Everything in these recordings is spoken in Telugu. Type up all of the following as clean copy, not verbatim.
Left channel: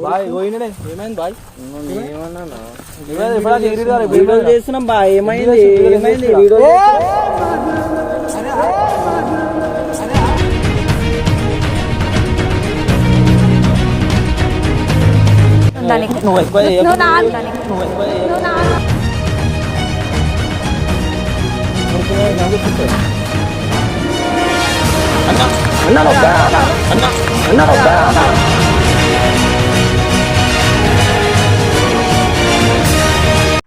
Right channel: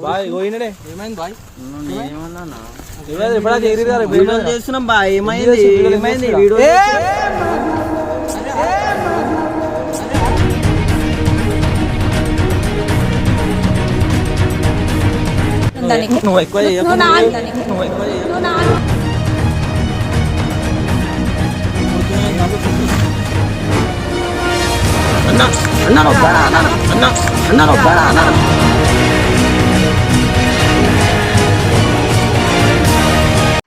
బాయ్ పోయినడే ఏమైంది బాయ్? వీడియో చేస్తున్నాం బాయ్. ఏమైంది ఏమైంది వీడియో నువ్వు ఎక్కువ అన్నా అన్నా అన్నా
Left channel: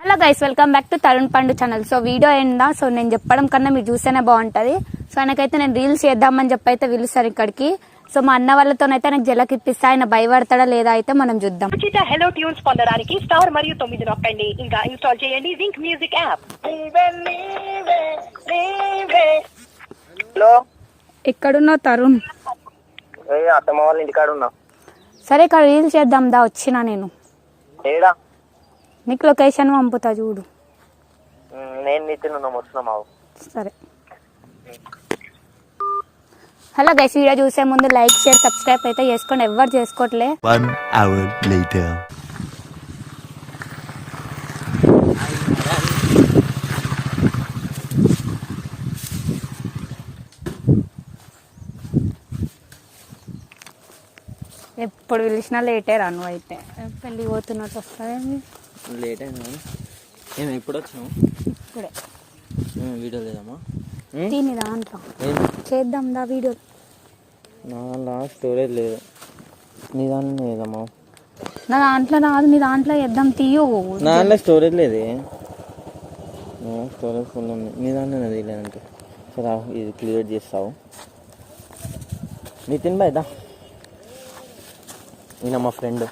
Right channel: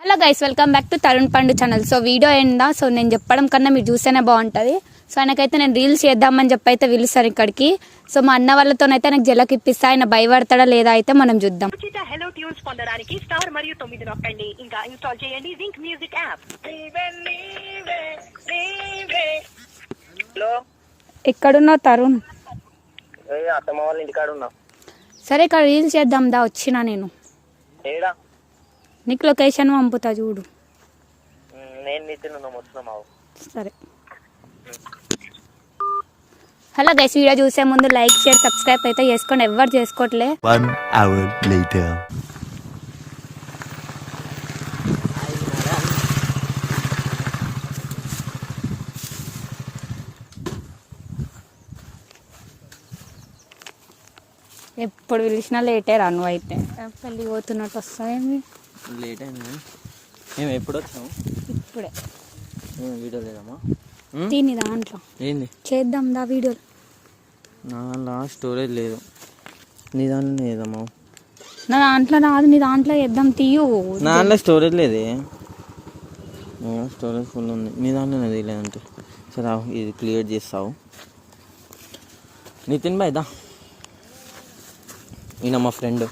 hello guys, welcome back to Tarun పండు ఛానల్. సో వీడియో ఏందా, సో నేను చెప్పడం కన్నా మీరు చూస్తేనే బాగుంటుంది. సో నాకైతే నేను రీల్స్ చేద్దామని చెప్పి అయితే పిలుస్తాను ఇక్కడికి. సో మా అన్న వాళ్ళతోనైతే నాకు జలకి ఇప్పిస్తా, ఆయన భయపడతాడా లేదా అయితే మనం చూద్దాం. హలో ట్యూన్స్ పొందడానికి స్టార్ మరియు 9 నొక్కండి. ఇంకా ఇన్స్టాల్ చేయండి జింక్ మ్యూజిక్ యాప్. హలో, ఎక్కడున్నావు తరుణ్? అత్తమ్మ వాళ్ళ ఇంటికాడ ఉన్నా. సరే, ఇక్కడ రీల్స్ చేద్దాం దా, వచ్చినా నేను. ఏడా? నీకు లొకేషన్ పంపుతా చూడు. నేను నితిన్ వస్తున్నావు. సరే. హలో గైస్, వీడియో చూసే ముందు లైక్ షేర్ సబ్స్క్రైబ్ అయితే చేసుకోండి, ఎవరు చేసుకోవట్లే. 1 hour later. ఎప్పుడు పిలిచినా లేటే రాను, అయితే పెళ్ళి పోతున్నట్టు వస్తాయండి. లేట్ అయింది. మేము ఎప్పుడు వచ్చాము? ఇప్పుడే. వీడియో లేదమ్మా, దీని దాంట్లో చేద్దాం దా వీడియో. నా స్టోరేజ్ లేదు. నీ దాంట్లో లేదమ్మా. నా దాంట్లో రాదు, నీ దాంట్లో చేద్దాం తీయు. నా దాంట్లో స్టోరేజ్ లేదు. స్టోరేజ్ ఫుల్ ఉంది. మీ దాంట్లో లేదంటే సరే ఇది క్లియర్ చేస్తావు. నితిన్ బాయ్ దా, ఈయన మా ఫ్రెండ్.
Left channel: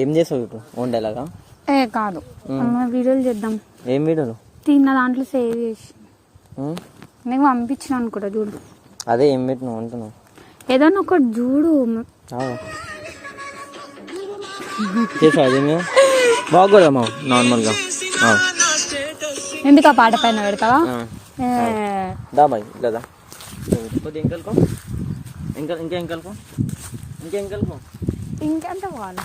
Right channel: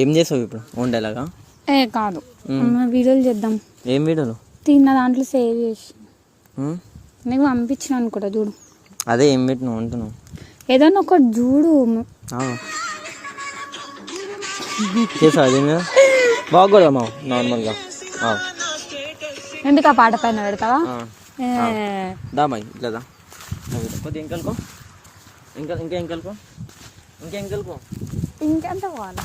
ఏం చేసావు ఇప్పుడు? వండేలాగా? ఏ కాదు, వీడియోలు చేద్దాం. ఏం వీడియోలు? తిన్న దాంట్లో సేవ్ చేసి నీకు పంపించిన అనుకుంటా చూడు. అదే ఏం పెట్టినావు అంటున్నావు? ఏదైనా ఒకటి చూడు. చేసావు అదే మీద బాగోదమ్మా నార్మల్గా. ఎందుకు ఆ పాట పైన పెడతావా? దా బాయ్ లేదా కొద్దిగా ఇంకలుకో, ఇంకెంకలుకో. ఇంకెంత పోవాలి?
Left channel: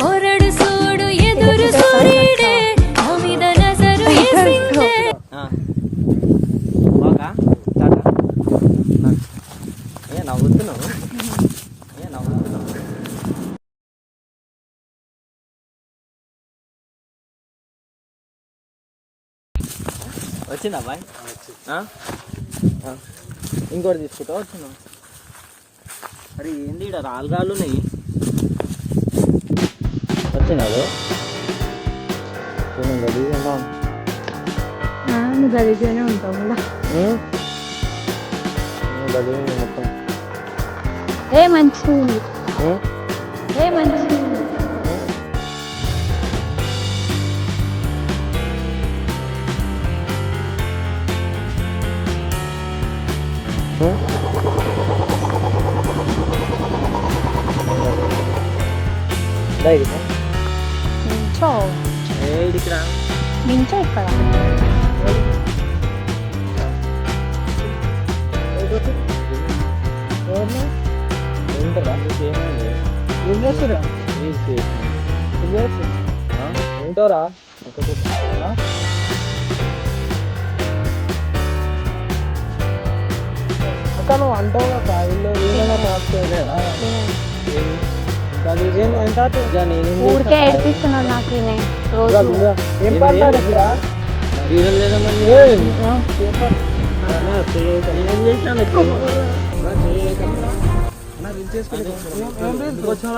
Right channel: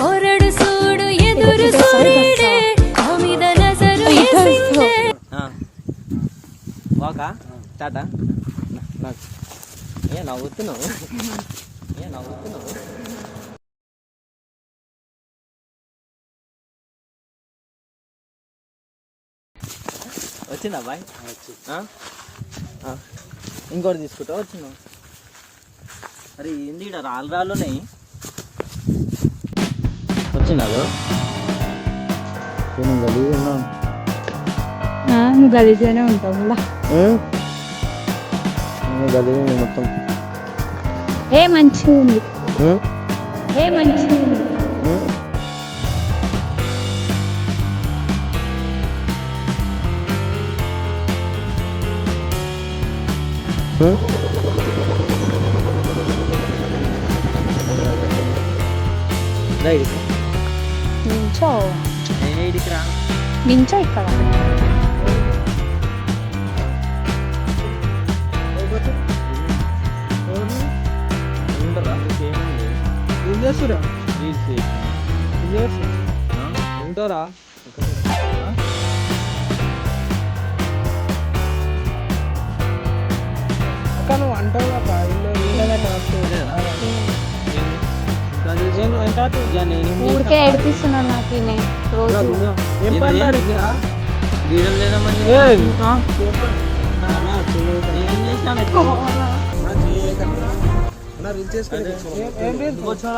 పొరడు సూడు ఎదురు సూర్యుడే మీద నజరు వేసిందే. బాగా టాటా. నవ్వుతున్నావు. వచ్చిందా బాయ్? ఇంకోటి తీసుకుంటా. వచ్చినావు. అరే ఏంది ఇక్కడ రాళ్ళు ఉన్నాయి. వచ్చినావు గలీజానే ఉంటాం మొత్తం. ఏ మంచిగా ఉంది, ఏ మంచిగా ఉంది. నించో నించో ఇక్కడ. ఏం చేస్తురా? ఉంటారా? అక్క నువ్వు అంటావు ఊరికే ఏడిపిస్తున్నాడు నాకు రోజు. ఏం పడ్డాడు?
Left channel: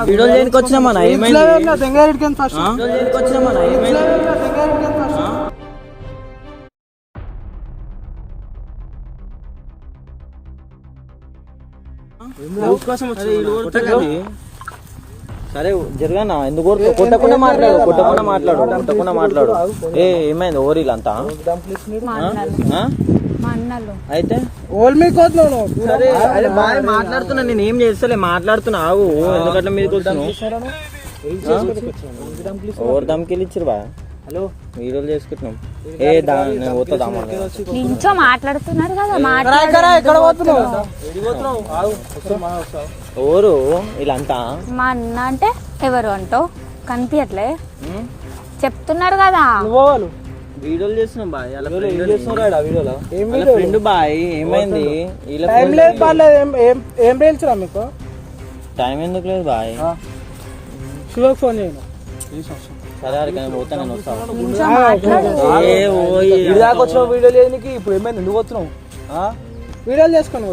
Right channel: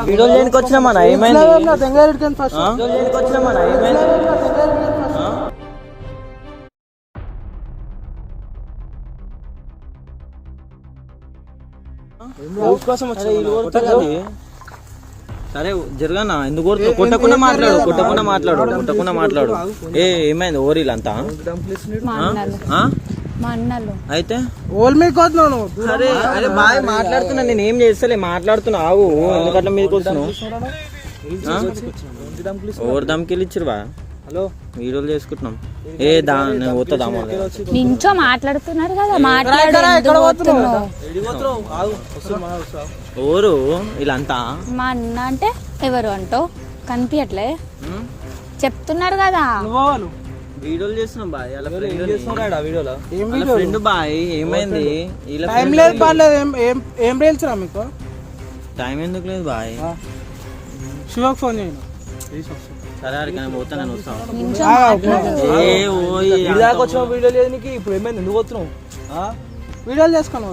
వీడియో చేయడానికి వచ్చినామా? ఏమైంది? వచ్చినామా? ఏమైంది? సరే జరగనా, ఎందుకు కొట్టకుండా మాట్లాడు. ఏమైంది? ఓరీలు అంతా అయితే సరే. అదే బాయ్ మాట్లాడుతున్నా, నేను ఏం చేస్తలే, మాట్లాడుతున్నా. ఆగు, ఎందుకట్లా మీదకి వస్తున్నావు? ఓవర్ దమ్కి ఇచ్చారు బా. హలో వీడియోలు చేసుకుంటున్నాం. ఏ దా నేను పోతుందా నించో మాట్లాడుతున్నారు కదా ఎక్కడ పోతున్నావు? ఆగు, వస్తున్నా, మనం వస్తాం. ఎవరు వీళ్ళంతా? మా అన్న అంటే ఎవరు అంటావు? కనిపించట్లే చెప్తున్నారు కదా. నువ్వు వాళ్ళు వీడియోలు చేస్తున్నాం బాయ్. వాళ్ళ ఏం ఫ్రెండ్ చేస్తున్నావు వీడియోలో? ఏం ఫ్రెండ్ బాయ్. ఏమైంది? వీళ్ళ టైం friend లేదు పర్లేదు. ఏం రీల్స్ రా మీకు? టైం ఎందుకు లేదు బాయ్? శివ ఫోన్ చేయండి. సరే అడిగి నేను పోతా, నేను వస్తాను. నించో మాట్లాడు. ఇదాకా వచ్చిన వీడియో లేదు నీకు. ఇప్పుడు ఏమైంది? ఎందుకు వచ్చినావు? వీడియోలు చేసుకుని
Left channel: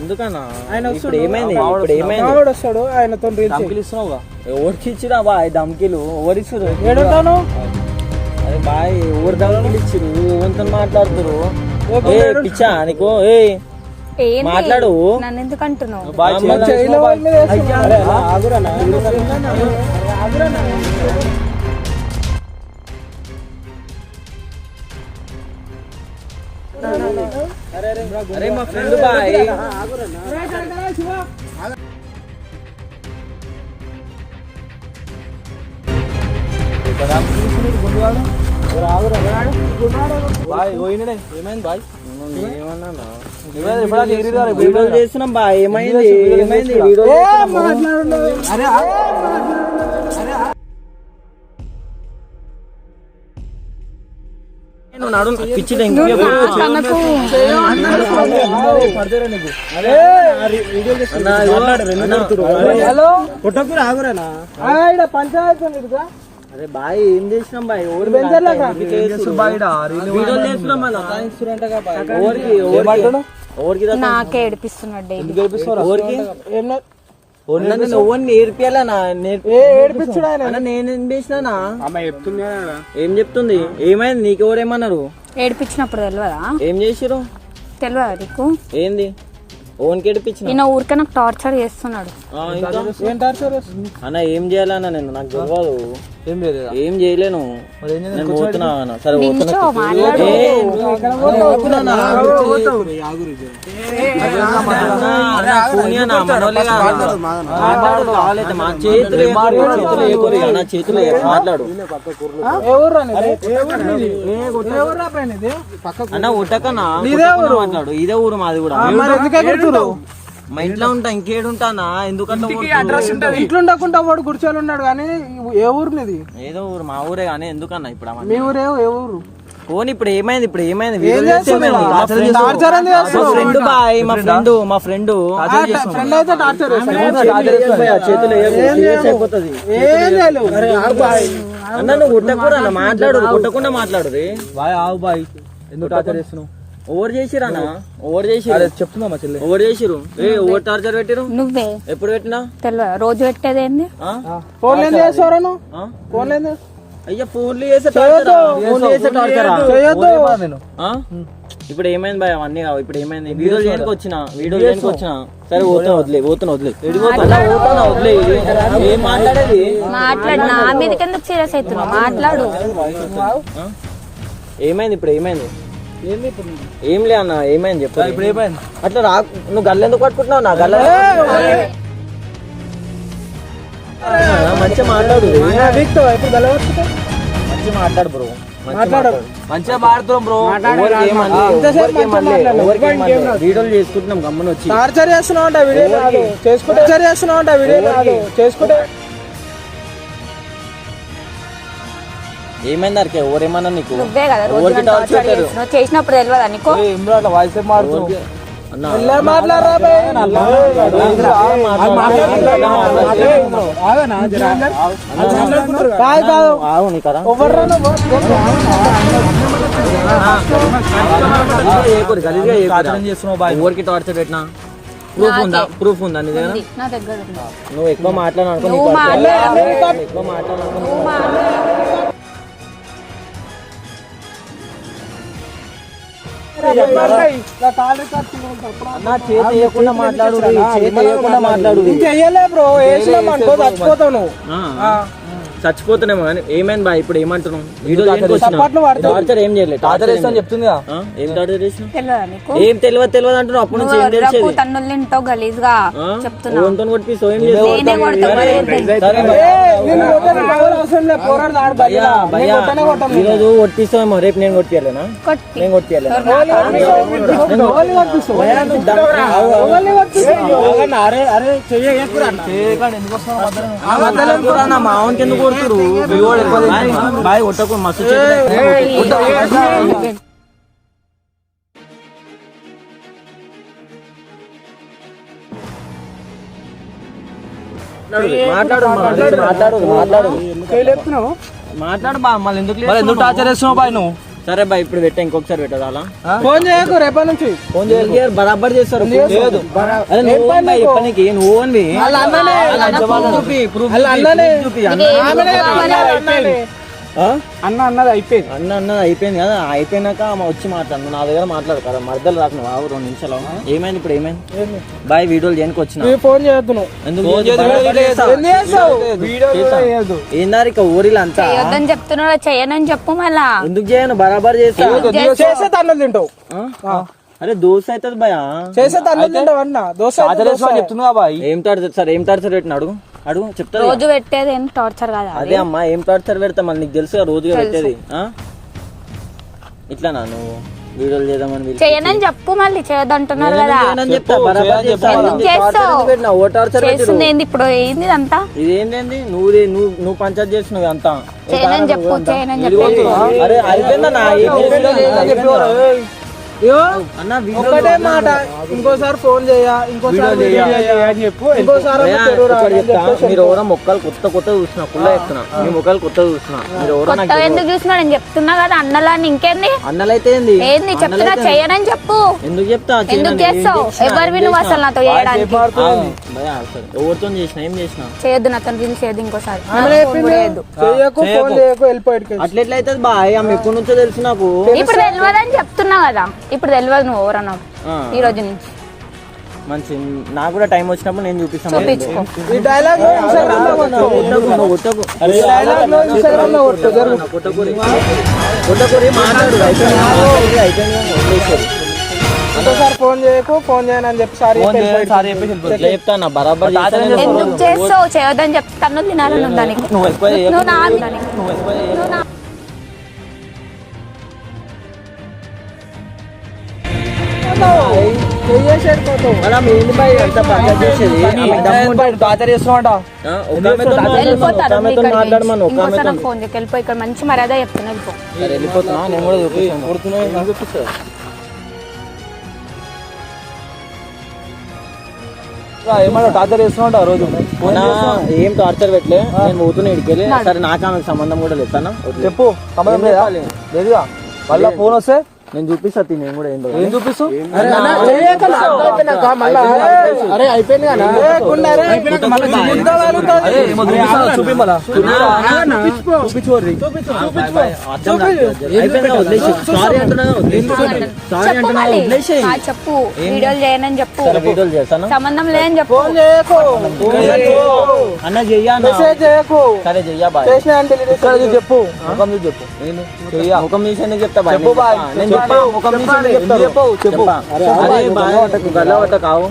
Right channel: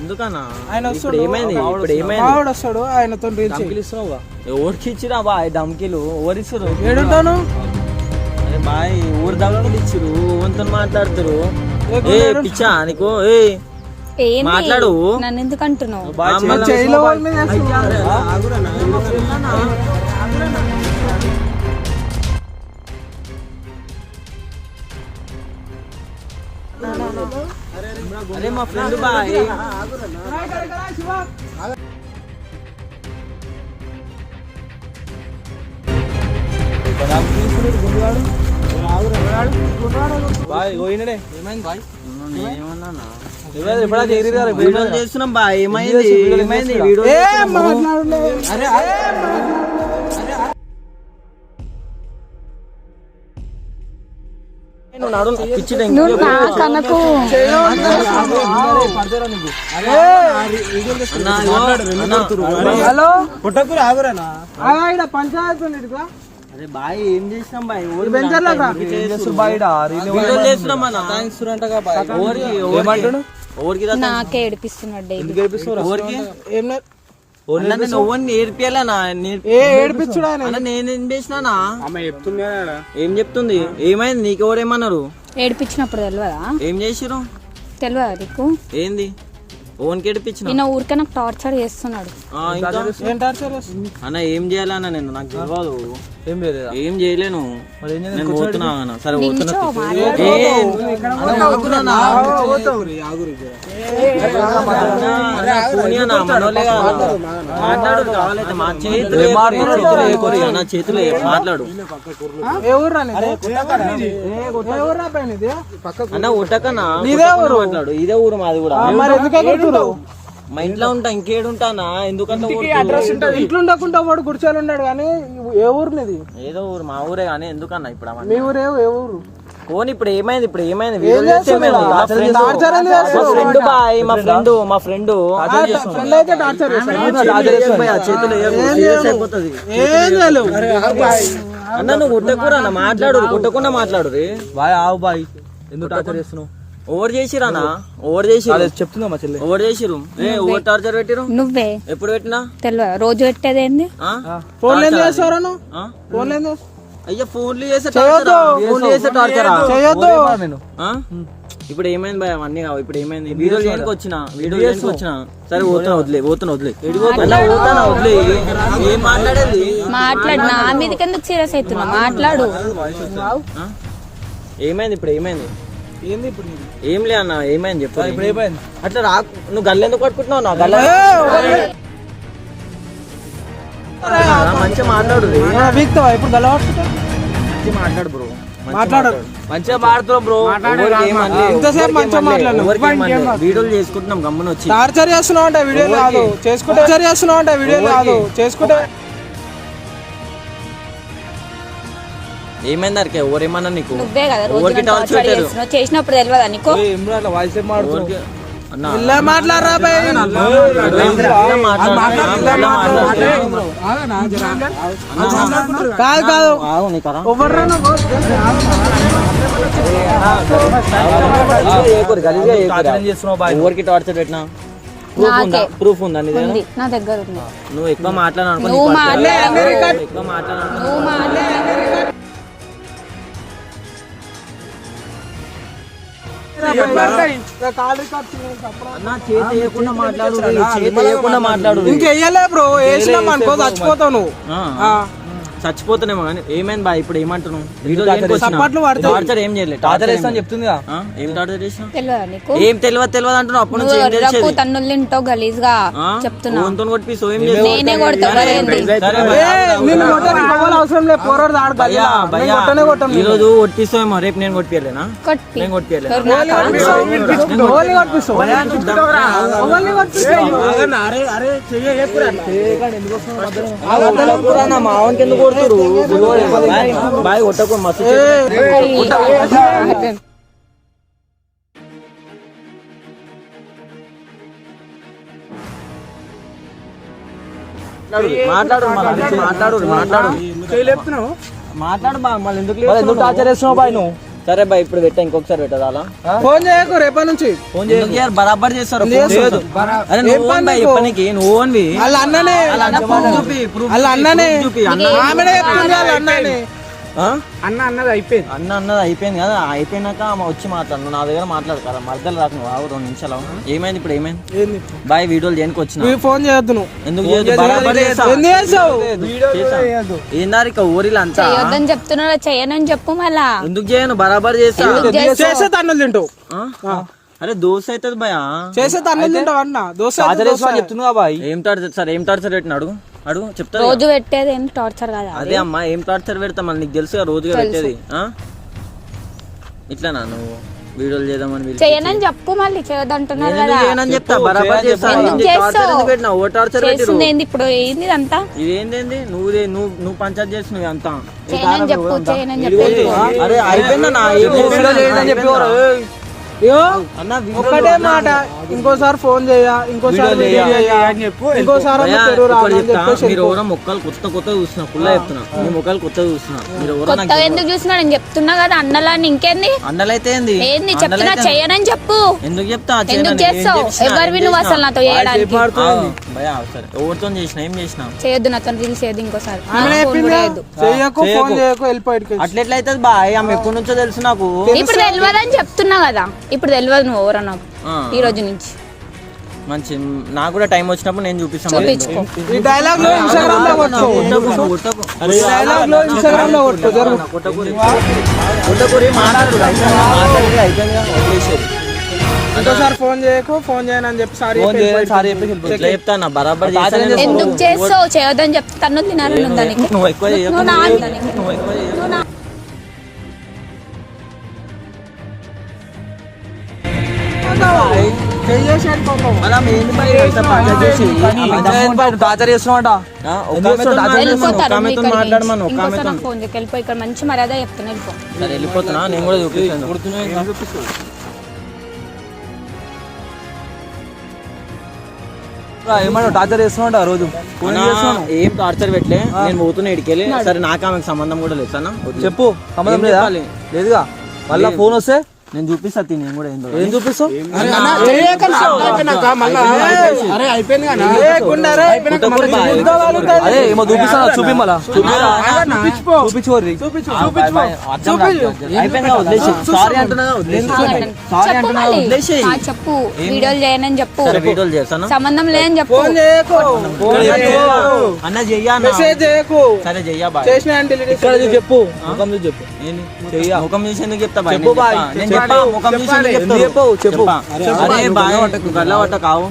ఎందుకన్నా? ఆయన ఇప్పుడు ఏమైంది? ఇప్పుడు ఏమైంది? మావాడు వస్తాడు, ఆయనతో రీల్స్ ఇస్తున్నావుగా. ఎవరికి ఇచ్చిరా బాయ్ ధమ్కీలు? ఎవరు ఇచ్చిరు ఏడుంటాను? బాయ్? ఎవరు ధమ్కీలు ఇచ్చిరు? ఎవరితో మాట్లాడుతురు? ఏ పిచ్చా నీకు? ఏ ఏంది? మాట్లాడు. నన్ను ఎందుకు అంటున్నావు? జైలు వాళ్ళ మీద వేస్తున్నావు. అరే మా ఫ్రెండ్ బాయ్. బాయ్ పోయినడే. ఏమైంది బాయ్? నేనేమన్నా ఎప్పుడైనా వీడియోలు చేస్తున్నాం బాయ్. ఏమైంది? ఏమైంది? వీడియో అరే నడు పిచ్చి నువ్వు కనకు పంచాయతీ ఉంది ఇదిగో. అరే బాయ్ ఏం చేసినాం బాయ్? ఎవరు ఎవరికి నాకే ఏడిపిస్తున్నాడు నేర్పియాలనా? ఏడిపించుడు ఆయన. నేనేం చేసినా? ఏం చెప్తుంది? ఏమైంది? నీకు ఎవరేమన్నారు? ఏడిపించినప్పుడు తెలియదా? ఏం చేసిరు? తెలియదా నీకు? ఏంది? ఓన్కి ఏడిపించిన నిన్న ఊరికే నాకు టార్చర్ చేస్తున్నాడు. అన్న ఏం చేయాలన్నా? నేను నాకు తెలియదు. ఏం లేదు. ఏం చేయలేను. నేను పోతున్నా అన్న. సరే నించో మాట్లాడు. మా చేతులు నా చేతులు మాట్లాడు అన్న. ఉట్టకన్నా మాట్లాడు. ఇదే ఊరు మాది కూడా. మా ఇంట్లో ఉంటా, ఇంకేడుంటానా? ఎందుకంటే ఇంట్లో ఉండకుండా వాడు గుడిచాలు ఉన్నాడు. కానీ ఏ ఊరు నీది? ఏదో ఊరు, మా ఊరే. కానీ ఎందుకన్నా ఇప్పుడు మీ ఊరే? ఏ ఊరు? ఫోన్ ఇప్పుడు ఏమైంది? ఇప్పుడు ఏమైంది? టార్చర్ ఎందుకు చేస్తున్నావు? ఫ్రెండ్ బాయ్, మా ఫ్రెండ్ ఫ్రెండ్ అయితే టార్చర్ చేతులు అయిపోతుంది అన్న. నువ్వు ఉట్టకూర అన్న. మాట్లాడు, కుట్టకుండా మాట్లాడు. బాయ్ ఆవు బాయ్. ఎందుకు టార్చర్ చేస్తున్నావు? ఓవర్ చేసిరానా? ఓవర్ చేసిరు. చెప్తున్నా మా చెల్లి. ఓవర్ చేసిరు. ఓవర్ టార్చర్ పెట్టిరు. నువ్వే ఎప్పుడు పెట్టినా? తెలియదా? రోజు పెట్టేది ఏంది? ఫోన్ ఏం చేస్తావు? ఫోన్ ఏం అయ్యా ఫోన్లు చేసే టార్చరా? ఇప్పుడు ఏమైంది బాయ్? అవన్నీ కావు. ఇప్పుడు ఏమైంది? వీడియో చేయడానికి వచ్చిన. సరే పోతున్నా, పోతున్నా వదిలే. ఏం మాట్లాడేది? మాట్లాడు. నా మీద కింద సీరియస్ అవుతున్నా. మాట్లాడు. ఏమైంది? ఇప్పుడు ఏమైంది? ఏంది ఇప్పుడు? ఏం లే అన్న. ఏమైంది చెప్పు. ఇప్పుడు ఏమైంది? అట్లా నువ్వు గల్ల ఎందుకు పట్టుకుంటున్నావు? నా గల్ల మంచిగా మాట్లాడు. ఇప్పుడు మంచిగా మాట్లాడు బ్రో. మాట్లాడు. మంచిగా మాట్లాడుతున్నాం బ్రో. వీడియోలు చేసుకుంటున్నాం గమ్మున వచ్చి. టార్చర్ చేస్తున్నావు అంటే వీడియో కాదు చేసుకుంటా. టార్చర్ చేస్తున్నావు అంటే వీడియో కాదు చేసుకుంటా. ఏమైంది అరికే? ఎవరేమన్నా నీకు? నువ్వే కదా రోజు నన్ను టార్చర్ చేస్తున్నావు. చేసినప్పుడు తెలియదా నీకు? వాయిస్ మాట్లాడరా ఎవరికి టార్చర్ పెట్టినా? ప్రూఫ్ ఉందా? ప్రూఫ్ ఉందా నీ దగ్గర? నా దగ్గర ఉంది. నువ్వు ఎక్కువ మాట్లాడినా ఎక్కువ ఇంకెయ్యలే బ్రో. వేసినాం అనుకో చచ్చిపోతావు నువ్వు. చచ్చిపోతున్నామో కానీ ఏమైంది బా ఇప్పుడు ఏమంటున్నావు టార్చర్ ఏం చేయలేదు టార్చర్ చేస్తా అని చెప్తుంది కదా. ఏం టార్చర్ చేసినావు తెలియదా నీకు ఏం తెలియదు అంటున్నావు అప్పుడు నుంచి ఏం నువ్వు తెలిసేది తన్నులు తింటావు గలీజ్ గా చెప్తున్నా ఫోన్తో కొట్టి సో ఏం నేనే కొడతా మరి ఏంటి? ఈ రోజు కొట్టిస్తామో రేపు నేను కొట్టియాలేనా కొట్టి నేను కొట్టియాలేనా నా మావన్కి ఎందుకు కొడుతురు బాయ్ కొట్టకు మస్తు మాట్లాడు మాట్లాడు బా మళ్ళీ ఎందుకు టార్చర్ చేస్తున్నావు బాయ్ నువ్వు? సరే బా ఇప్పుడు పెట్టా ఇంకొకసారి పెట్టదా అలా ఫోన్ చేయకు రేపటి నుంచి. ఫోన్ చేయకు. బరాబర్ చేస్తారు లేదు. నువ్వు అన్వి అన్న అన్నది అయిపోయింది. అన్నది అయిపోయింది కదా అయిపోయినాక వచ్చి మాట్లాడు నా దగ్గర మాట్లాడు కదా మధ్యలో రాకు 2 నిమిషాలు ఏమైంది ఇప్పుడు ఏమైంది బాయ్ వీడియోలు చేయడానికి వచ్చిన ఫోన్ చేయొద్దు నువ్వు. ఏందారు ఇక ఊరిలో అంతా చేయొద్దని చెప్తున్నాడు చేయనని చెప్పు మళ్ళా ఎందుకు చేయను బరాబర్ చేసే తన్నులు తింటావు. అరే దోశ అవుతుంది భయ చేసే తన్నులు తింటావు అన్న. దోశ చెప్తున్నా బాయ్. ఏం టార్చర్ సార్ ఏం టార్చర్ పెట్టిన అడుగు అడుగు చెప్తా రోజు పెట్టేది ఏం టార్చర్ కదా అదే అమ్మా ఏం టార్చర్ పెడతా మళ్ళీ నీకు తెలుసు రోజుగా పెట్టేది ఇట్లానా నువ్వు వీడియోలు చేద్దామని చేయనని చెప్పు మళ్ళీ చేయొద్దంటున్నారు కదా చెప్తా బరాబర్ ఎందుకు చేస్తావు పెట్టినా ఓ టార్చర్ చేస్తుంది ఏంది ఇప్పుడు ఏంది ఇదంతా ఇదేంటి నువ్వు పంచాయత్ చేసినవి అంతా చేయనని చెప్పు చేయనని చెప్పు అరే అయిపోయిందన్నా అన్న ఒకటే మాట ఇంకోసారి ఫోన్ చేయ ఇంకోసారి మీరు ఎవరో మొక్కలు కొత్త చూస్తున్నా కుళ్ళ చెప్తున్నా మీ మొక్కలు కొత్త చూస్తున్నా మీరు ఎవరో కొత్త ఎందుకు చూస్తున్నా నేను చెప్తున్నా కదా అన్నలాని ఇంకేంది అన్నలైతే ఏంది చెప్తున్నా చేయనని చెప్పు ఎందుకు చెప్తా ఎందుకు చేస్తావు ఎవరు నువ్వు అసలు నాతో చేయడానికి ఎవరితో చేసిన ఏం చేసిన చేయొద్దు నాతో రీల్స్ చేయొద్దు ఇంకోసారి అట్లెట్లా అవుతుంది బాయ్ ఆమె ఎప్పటి నుంచో తెలుసు నాకు ఇప్పుడు తెలియదు అని చెప్తున్నా కదా ఇప్పుడు తెలియదు నువ్వు ఎవరన్నా ఈ రోజు నుంచి మంచి నాకు కూడా టైం వచ్చినప్పుడు నేను చూపిస్తాను చూపించుకో ఈ డైలాగ్ లో ఇన్స్టాగ్రామ్ లో కొట్టు. ఈ డైలాగ్ లో ఇన్స్టాగ్రామ్ లో కొట్టు. ఇంకోసారి ఫోన్ చేయకు ఫోన్ చేయను అని చెప్పి సారీ చెప్తాను బరాబర్ ఎందుకు చేస్తావు చేయొద్దని చెప్తే తన్ను తినాలని ఉందా నీకు? నువ్వు ఎక్కువ నువ్వు నా టార్చర్ చేస్తున్నావంట. వెళ్ళిపోతారు ఇంకోసారి నాకు ఫోన్ చేయకు వెళ్ళిపో ఇక్కడ మంచి మర్యాద చెప్తున్నా వెళ్ళిపో వెళ్ళిపోతున్నా నేను కూడా చూపిస్తాను ఏమన్నా టార్చర్ చేస్తున్నావంట రోజు. ఏం టార్చర్ పెట్టలే నేను పోతున్నా ఇడికెళ్ళి సరే నాకు ఆమెకు సంబంధం కూడా లేదు అన్న చెప్పు సంబంధం లేదా లేదుగా మళ్ళా ఫోన్ వస్తే నేను చూపిస్తా నేను కూడా ఏం చూపిస్తావు. చెప్పు వీడియోలు చేయనని చెప్పు వీడియోలు చేస్తాను సంబంధం లేదని చెప్పు అన్న చెయ్యా సరే చెయ్యా బాయ్ చెప్పు ముఖం చూసి చెప్పు ముఖం చూసి ఎందుకు చెప్తా బాయ్ చెప్పు బాయ్ చెప్పు గల్ల పట్ట కావు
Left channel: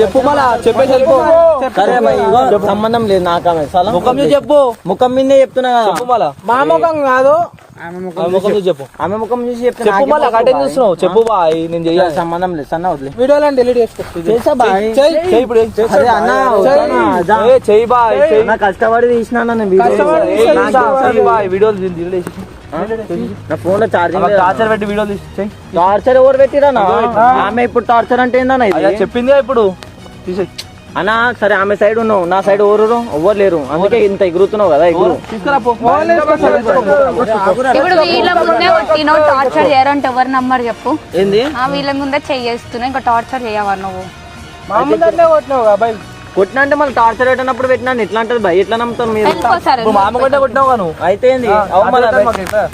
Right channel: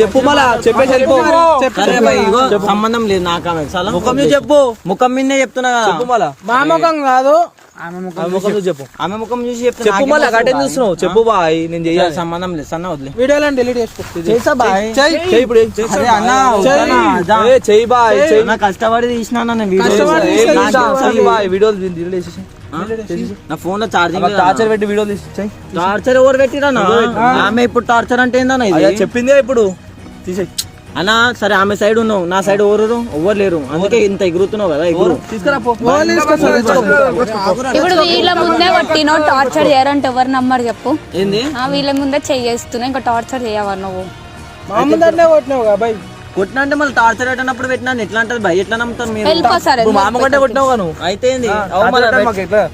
చెప్పు మళ్ళా చెప్పేసి వెళ్ళిపో. సంబంధం లేదు నాకు ఆమె ముఖం చూసి చెప్పు. ముఖం మీదే చెప్తున్నా చెప్పు మళ్ళా మా ముఖం కాదు ముఖం చూసి చెప్పు. ఆమె ముఖం చూసి చెప్పు మళ్ళా కట్టేం చూస్తున్నావు చెప్పు బాయ్ నేను చెయ్యాలి సంబంధం లేదు సన్న వదిలే వీడియోలో డిలీట్ చేసుకో చెయ్యి బాయ్ నా కష్టపడి తీసినా వీడియోలు డిలీట్ చేసి నా ఫోన్ లో ఛార్జింగ్ టార్చర్ పెట్టి వీడియో తీసి టార్చర్ ఎవరు పెట్టిరా ఆమె ఇప్పుడు టార్చర్ అంటే ఏందన్నా ఇది చెప్పింది ఇప్పుడు తీసేయి అన్నా సరే ఆమె సైడ్ ఉన్నావు నా సైడ్ ఎవరు లేరు అందుకే ఇంత ఎగురుతున్నావు కదా ఎగురు ఇప్పుడు వీళ్ళ ముందే కొట్టినో టార్చర్ చేయరంటే ఎవరు నమ్మరు చెప్పు ఏంది వీళ్ళ ముందే చేస్తున్నావు ఇంకా టార్చర్ చేయవా నువ్వు మా ముందరనే కొట్టినావు బాయ్ కొట్టినా అంటే మళ్ళీ టార్చర్ పెట్టినప్పుడు పెట్టినా ఎట్లా అంటే భయ ఎట్లా నమ్ముతాం మీరు వెళ్ళిపో సార్ నువ్వు మామ కంటే కొట్టినావు కాను అయితే ఏంది? అవు మళ్ళా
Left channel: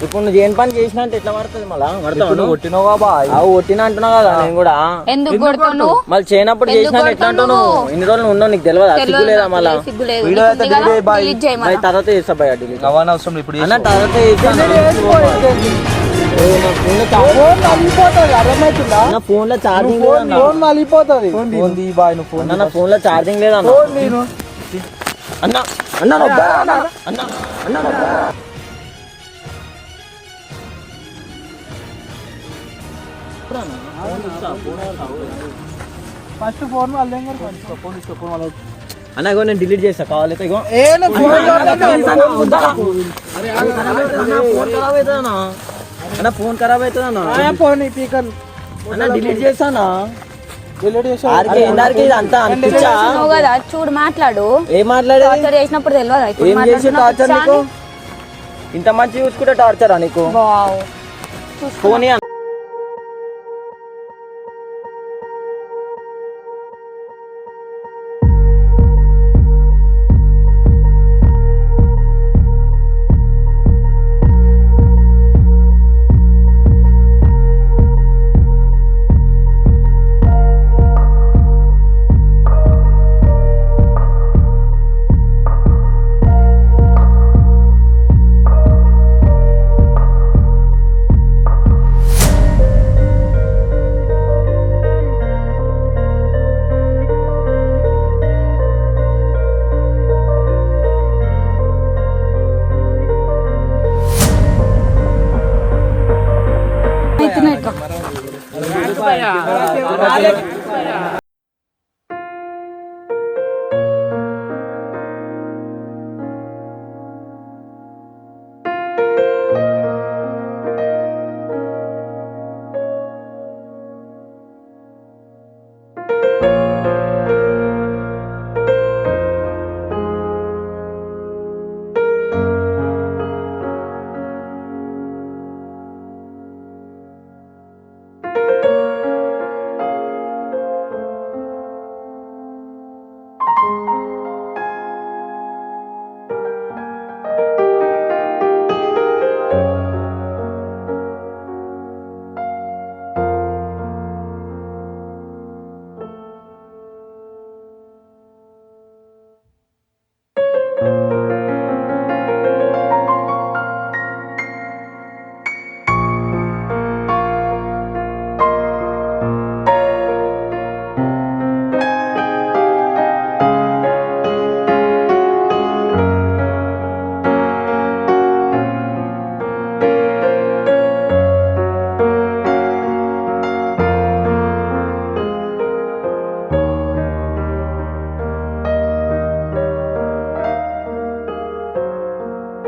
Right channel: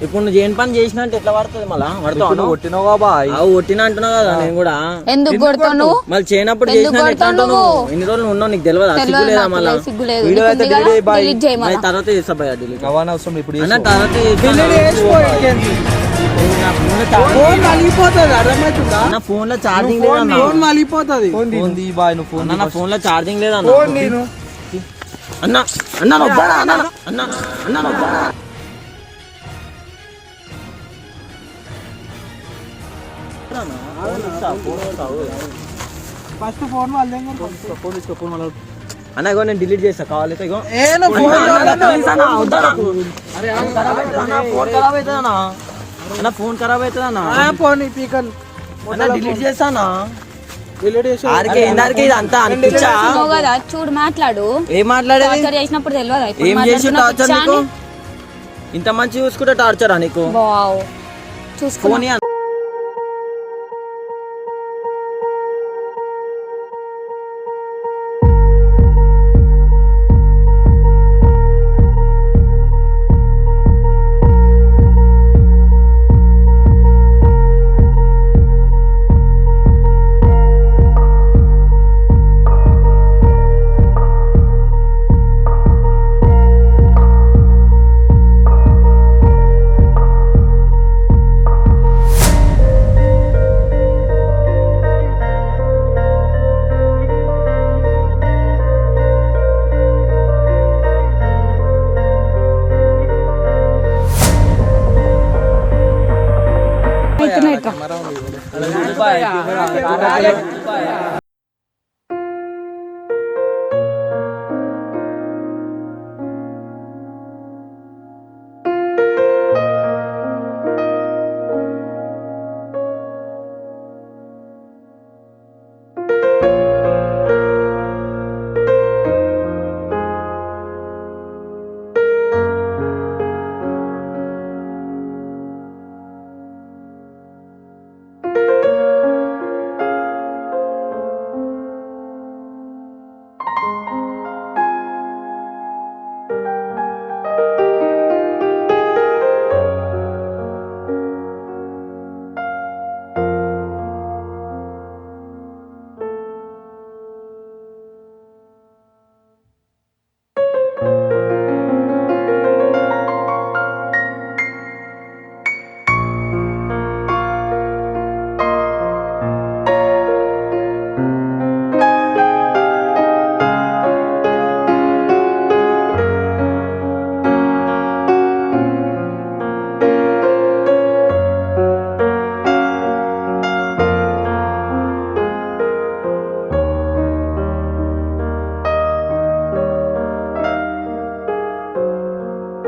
ఇప్పుడు నువ్వు ఏం పని చేసినా అంటే ఎట్లా పడుతుంది మళ్ళా పడతావు కొట్టినావా బాయ్ అవు కొట్టినా అంటున్నావు కదా నేను కూడా ఎందుకు కొడతావు నువ్వు? మళ్ళీ చేయనప్పుడు చేసినా ఎట్లా అంటావు నువ్వు ఇన్ని రోజులు ఉన్నావు నీకు తెలియదు సిగ్గు లేదా మళ్ళా సిగ్గు లేదు. వీడియో అయితే నీకు ఉంది delete కదా? bye. delete చేయి మళ్ళా. మరి తర్వాత చేస్తా భయ డిలీట్ అవన్నీ అవసరం లేదు, ఇప్పుడు అన్న చేసుకో. తర్వాత చేస్తా. ఏ, నా ఫోన్ లో ఫోన్ నలిగిపోతుంది, అర్థమవుతుందా? నా ఫోన్ లో ఛార్జింగ్ లేదన్న ఫోన్ నలిగిపోతుంది. ఫోన్ తీ బాయ్, నువ్వు ఫోన్ అన్న నా ఫోన్ లో ఛార్జింగ్ లేదన్న ఫోన్ నేను అన్న అన్న నొప్పాడా? అన్న అన్న అన్న నొప్పాడా? ఫస్ట్ ఫోన్ ఫోన్ తీసుకో, ఫోన్ వాళ్ళు అన్న ఇగో నేను డిలీట్ చేస్తా కావాలి ఇగో ఏ నువ్వు ఫోన్ ఫోన్ ఖరాబ్ అవుతుందన్నా అన్న ఫోన్ ఖరాబ్ అవుతుందన్నా ఫోన్ పీకన్ అన్న డిలీట్ చేస్తానా డిలీట్ చేసి ఆరికే ఇందారికే ఇది అంతా అనిపించా నువ్వు కదా చూడు మాట్లాడు. ఏం మాట్లాడేది టార్చర్ చేసినప్పుడు తెలియదా? ఇప్పుడు ఏం చేసి మాట్లాడుతున్నా టార్చర్ పిచ్చా నీకు అని? ఇంత మంచి చూసుకుంటే టార్చరా నీకు వావ్ చూసుకో. ఫోన్ ఇయ్య. అవుతున్నాయి ఇట్లా.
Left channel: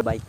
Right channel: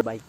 Bye.